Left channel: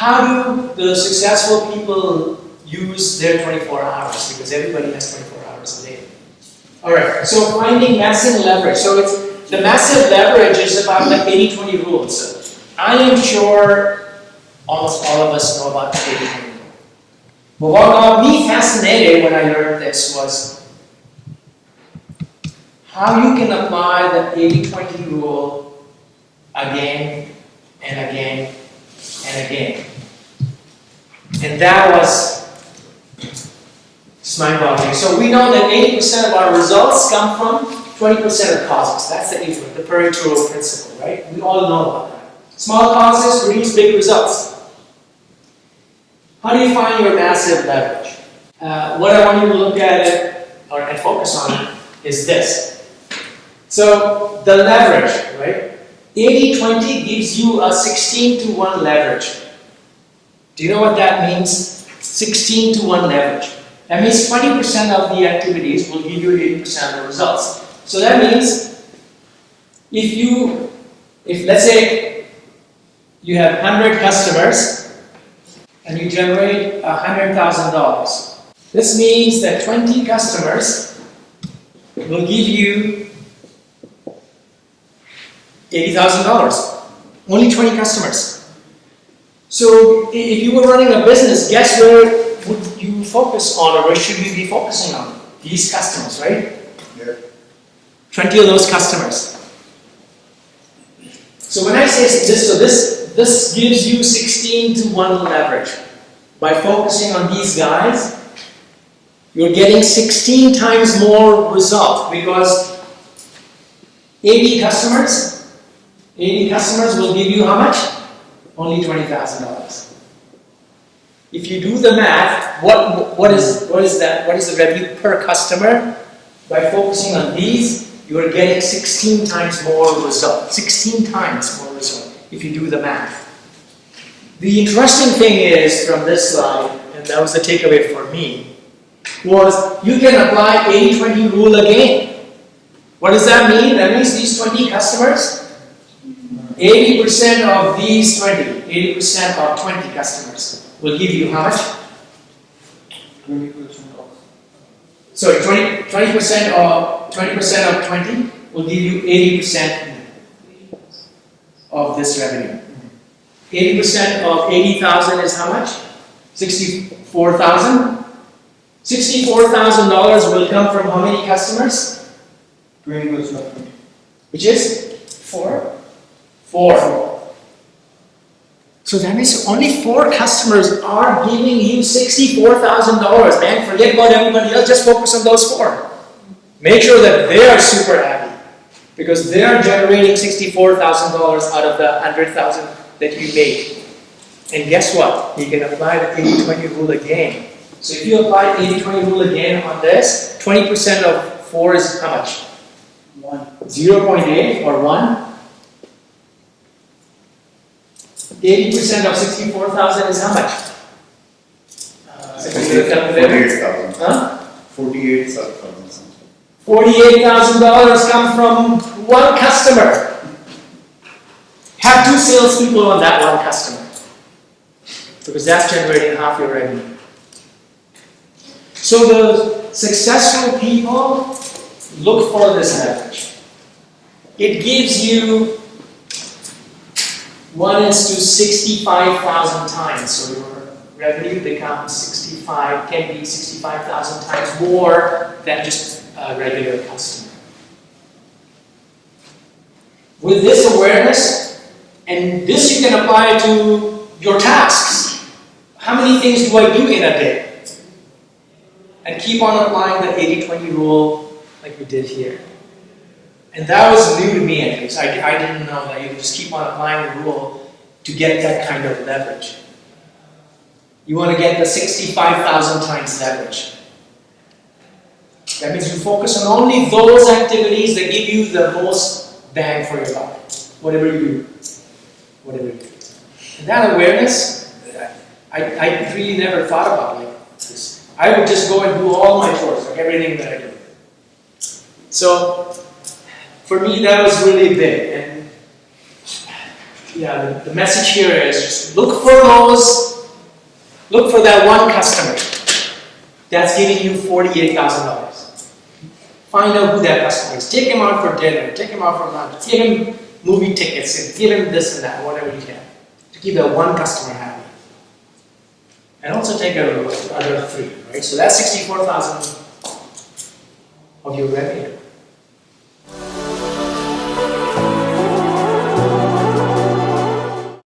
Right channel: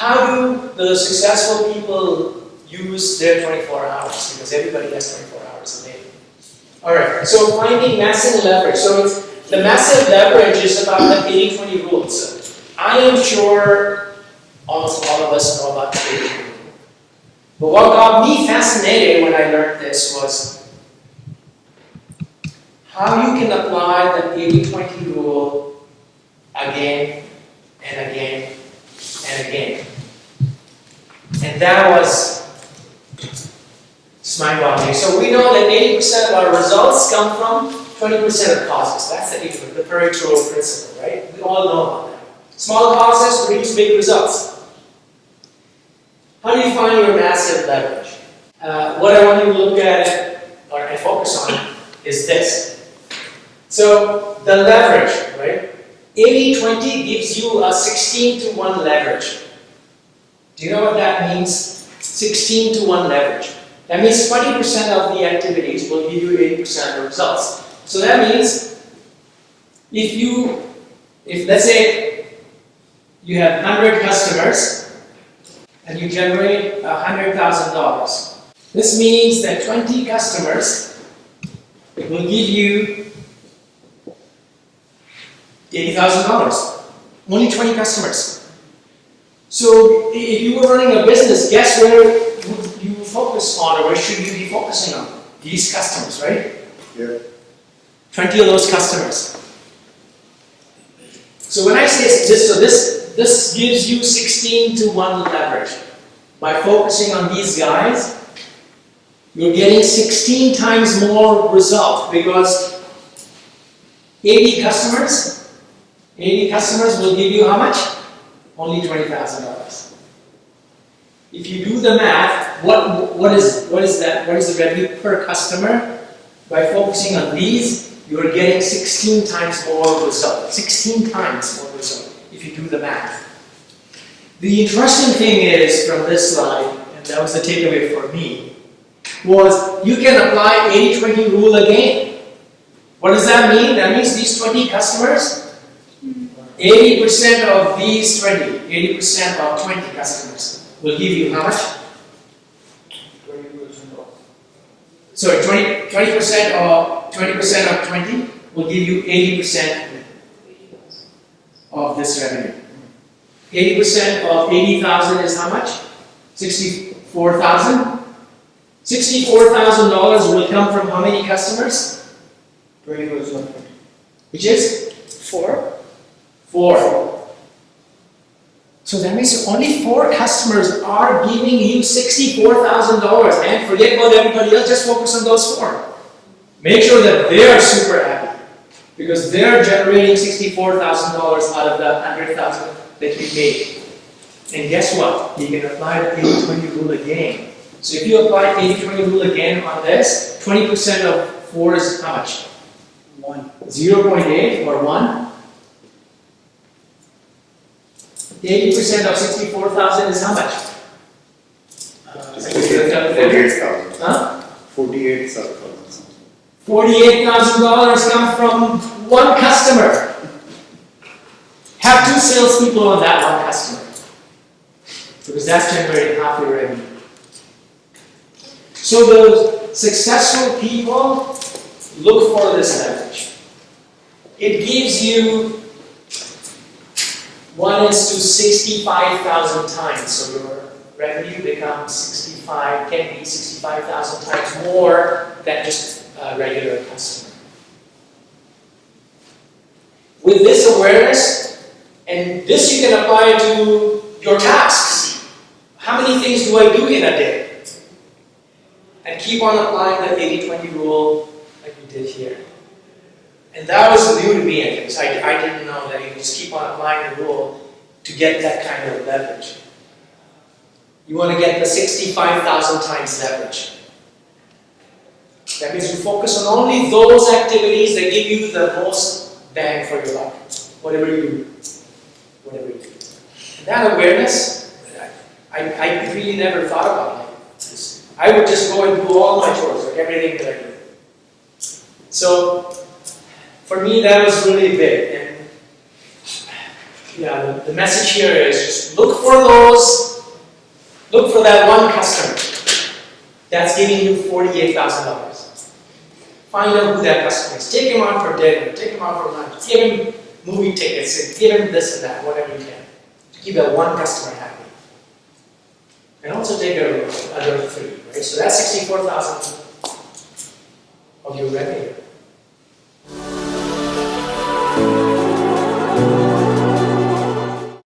how do the successful people use their 24 hours? Because everybody has 24 hours a day. Alright, so finding massive leverage. So the massive leverage is about the 80-20 rule. So I am sure almost all of us know about the 80-20 rule. But what got me fascinated when I learned this was how you can apply the 80-20 rule again and again and again. And that was just mind-boggling. So we know that 80% of our results come from 20% of causes. That's the Pareto principle, right? We all know about that. Small causes produce big results. How do you find your massive leverage? What I want you to look at and focus on is this. So the leverage, right? 80-20 gives you a 16-to-1 leverage. Do you know what that means? 16-to-1 leverage. That means 20% of the activities will give you 80% of the results. So that means if let's say you have 100 customers and you generate $100,000. This means that 20 customers will give you $80,000. Only 20 customers. So if you were running a business, guess where would you focus on, or where should you be focusing on? These customers, right? Yeah. 20 of those customers. So when I say this, so this gives you 16-to-1 leverage. By focusing on these guys, you're getting 16 times more result, because 80 customers will give you how much? Only $20,000. If you do the math, what is that? What is the revenue per customer? By focusing on these, you are getting 16 times more result. 16 times more result if you do the math. The interesting thing is from this slide, and that was the takeaway for me, was you can apply 80-20 rule again. What does that mean? That means these 20 customers, 80% of these 20, 80% of 20 customers will give you how much? 20% off. Sorry, 20% of 20 will give you 80% of this revenue. 80% of 80,000 is how much? 64,000. $64,000 will come from how many customers? 20%. Which is 4. 4. So that means only 4 customers are giving you $64,000, man. Forget about everybody else, just focus on those 4. Make sure that they are super happy, because they are generating $64,000 out of the $100,000 that you make. And guess what? You can apply the 80-20 rule again. So if you apply 80-20 rule again on this, 20% of 4 is how much? 1. 0.8 or 1? 80% of 64,000 is how much? 48,000. Huh? 48,000. $48,000 come from one customer. Have 2 salespeople on that one customer, because that's generating half your revenue. So the successful people look for this leverage. It gives you 1 is to 65,000 times. So your revenue becomes can be 65,000 times more than just a regular customer. With this awareness, and this you can apply to your tasks. How many things do I do in a day? And keep on applying the 80-20 rule like we did here. And that was new to me at least. I didn't know that you can just keep on applying the rule to get that kind of leverage. You want to get the 65,000 times leverage. That means you focus on only those activities that give you the most bang for your buck. Whatever you do. And that awareness, I really never thought about like this. I would just go and do all my chores, like everything that I do. So, for me that was really big. And yeah, the message here is just look for those, look for that one customer that's giving you $48,000. Find out who that customer is. Take him out for dinner, take him out for lunch, give him movie tickets, give him this and that, whatever you can, to keep that one customer happy. And also take care of the other three, right? So that's 64,000 of your revenue.